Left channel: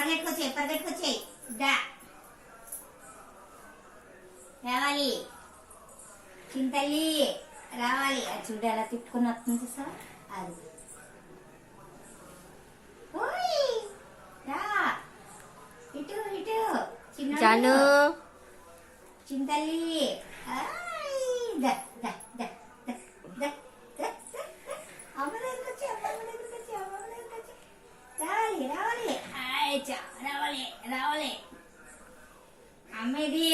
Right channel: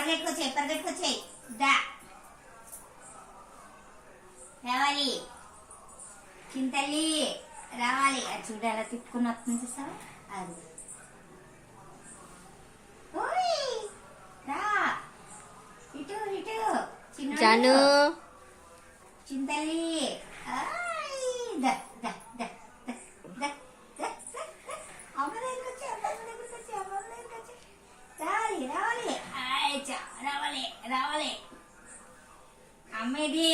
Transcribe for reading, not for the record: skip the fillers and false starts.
పరిగెట్టుకొచ్చాయి దా రావాలి చింతల్లి రావాలి. అది చూడు ఎలా తిప్పుకుని వస్తుంది చూసావా. అది రా ఇటు ఇటు చిన్న చింతల్లి రావాలి రావాలి రావాలి రావాలి అమ్మేది.